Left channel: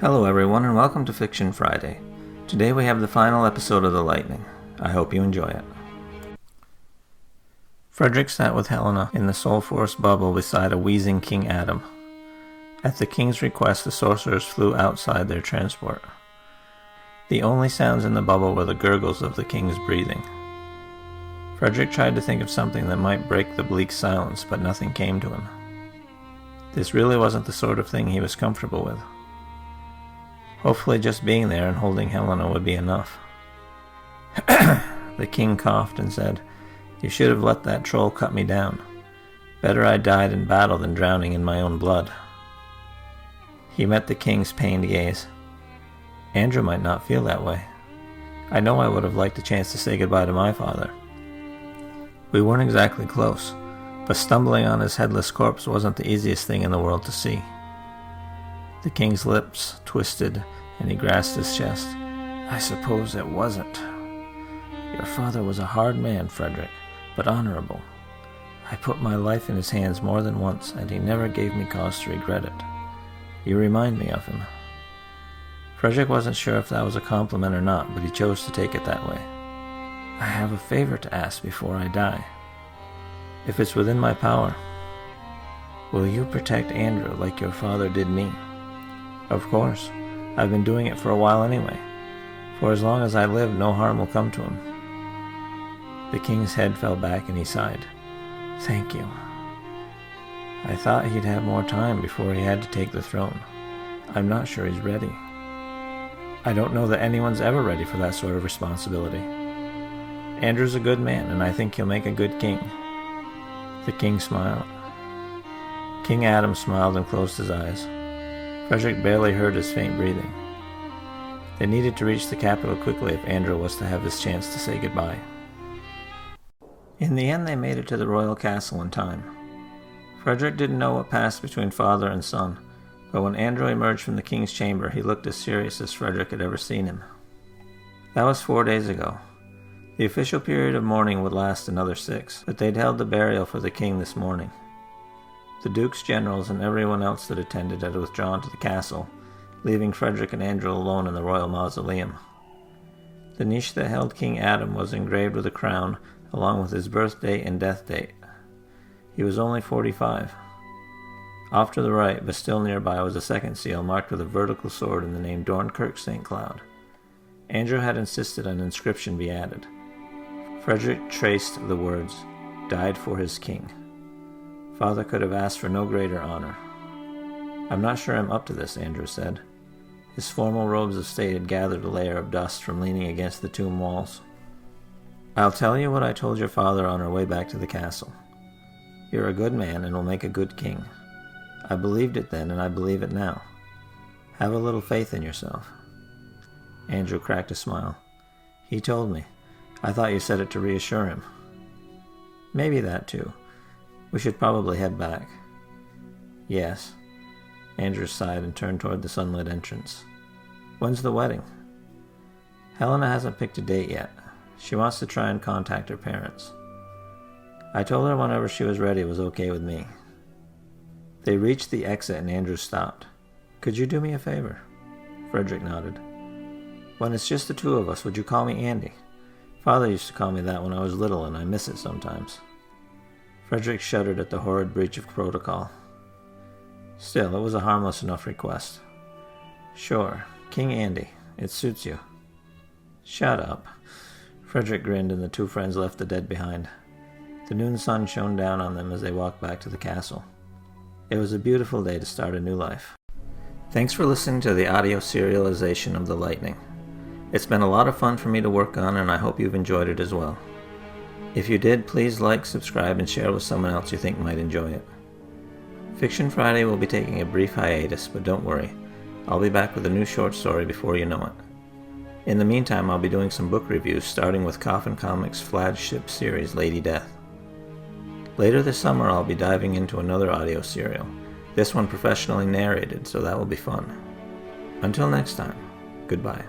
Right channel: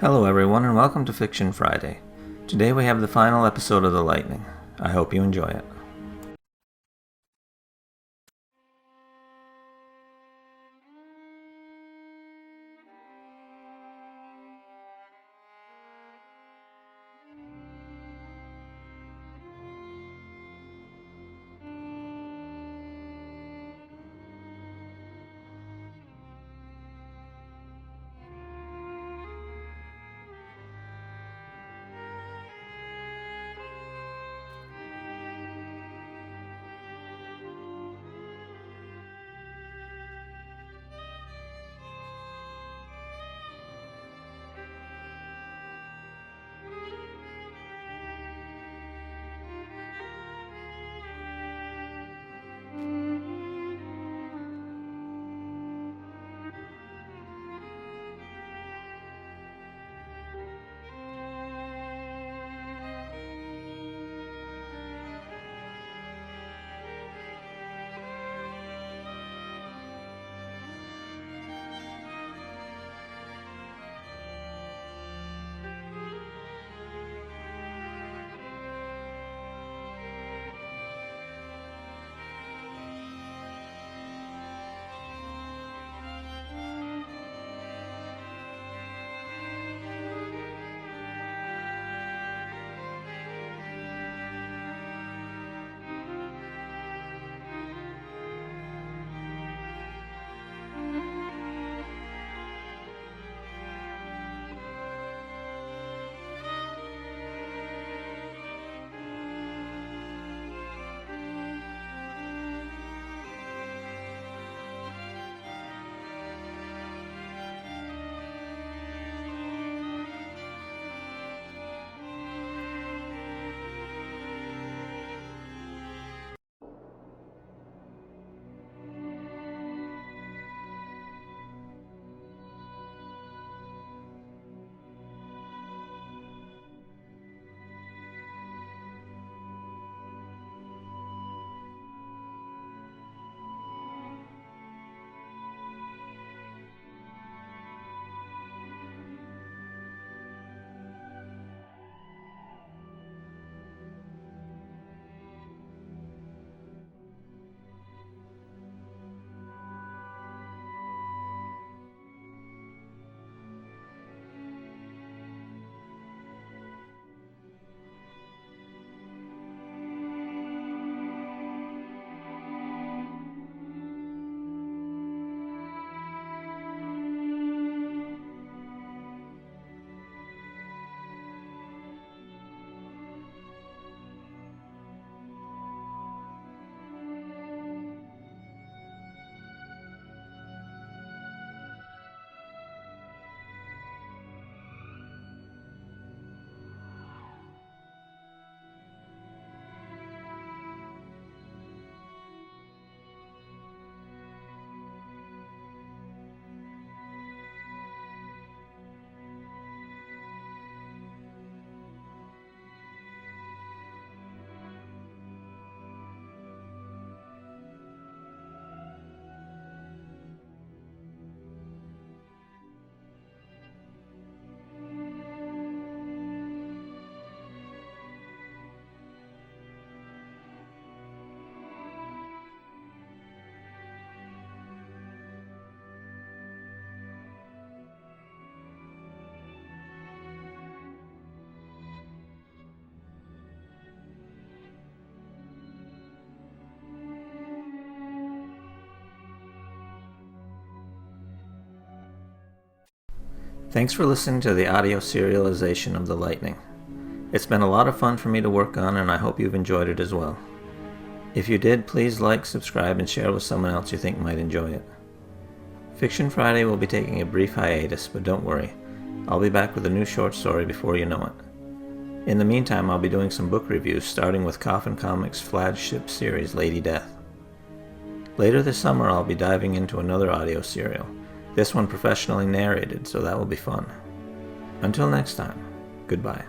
Hello everyone and welcome to Fiction Friday. Today we have the final episode of The Lightning. I hope you enjoy it. Frederick sat with Helena in the Soul Force bubble beside a wheezing King Adam. At the king's request, the sorcerers flew outside their transport. The only sounds in the bubble were the gurgles of the king's breathing. Frederick tried to think of something that might break the bleak silence, but nothing came to him. This really wasn't the sort of thing he was comfortable with. Hopefully just being there and holding Helena would be enough. The king coughed and said, "You should have let that troll cut me down. Better I died in battle than drowning in my own blood." He met the king's pained gaze. Andrew might not feel that way. I know I would have liked a chance to say goodbye to my father. We weren't exactly close, but stumbling on his headless corpse wasn't the easiest thing in the world to see. The king's lips twisted, and he grasped his chest. "I suppose it wasn't. Your father was a hard man, Frederick, but honorable. I put my life in his hands more than once, and he never gave me cause to regret it. You remind me of him." Frederick wasn't sure if that was a compliment or not, but he chose to take it that way. "I have a favor to ask before I die. If it's within my power, will you protect Andrew like your father did me?" "Of course. I've been doing it for a while anyway. For as long as I live, no harm will come to him." The king's head fell back and he sighed. "Thank you. I thought he'd have more time before he had to take the throne. I'm not sure he's ready. I don't know that anyone's ever ready for that sort of responsibility. Andrew's a good man, and I think he'll make a good king." The king smiled. King Adam smiled and closed his eyes. Frederick barely heard his faint breathing. They needed to reach the capital quickly if Andrew was to have his chance to say goodbye. In the end, they made it to the royal castle in time. Frederick didn't know what passed between father and son, but when Andrew emerged from the king's chamber, he looked as serious as Frederick had ever seen him. That was 4 days ago. The official period of mourning would last another 6, but they'd held the burial for the king this morning. The duke's generals and everyone else that attended had withdrawn to the castle, leaving Frederick and Andrew alone in the royal mausoleum. The niche that held King Adam was engraved with a crown, along with his birthday and death date. He was only 45. Off to the right, but still nearby, was a second seal marked with a vertical sword and the name Dornkirk St. Cloud. Andrew had insisted an inscription be added. Frederick traced the words, "Died for his king." Father could have asked for no greater honor. "I'm not sure I'm up to this," Andrew said. His formal robes of state had gathered a layer of dust from leaning against the tomb walls. "I'll tell you what I told your father on our way back to the castle. You're a good man and will make a good king. I believed it then and I believe it now. Have a little faith in yourself." Andrew cracked a smile. "He told me. I thought you said it to reassure him." "Maybe that too. We should probably head back." "Yes." Andrew sighed and turned toward the sunlit entrance. "When's the wedding?" "Helena hasn't picked a date yet. She wants to try and contact her parents. I told her whenever she was ready was okay with me." They reached the exit and Andrew stopped. "Could you do me a favor?" Frederick nodded. "When it's just the two of us, would you call me Andy? Father used to call me that when I was little and I miss it sometimes." Frederick shuddered at the horrid breach of protocol. Still, it was a harmless enough request. "Sure, King Andy. It suits you." "Shut up." Frederick grinned and the two friends left the dead behind. The noon sun shone down on them as they walked back to the castle. It was a beautiful day to start a new life. Thanks for listening to the audio serialization of The Lightning. It's been a lot of fun for me to work on, and I hope you've enjoyed it as well. If you did, please like, subscribe, and share with someone else you think might enjoy it. Fiction Friday will be taking a brief hiatus, but don't worry. I'll be back with a new short story before you know it. In the meantime, I'll be doing some book reviews, starting with Coffin Comics' flagship series, Lady Death. Later this summer, I'll be diving into another audio serial, this one professionally narrated, so that will be fun. Until next time, goodbye.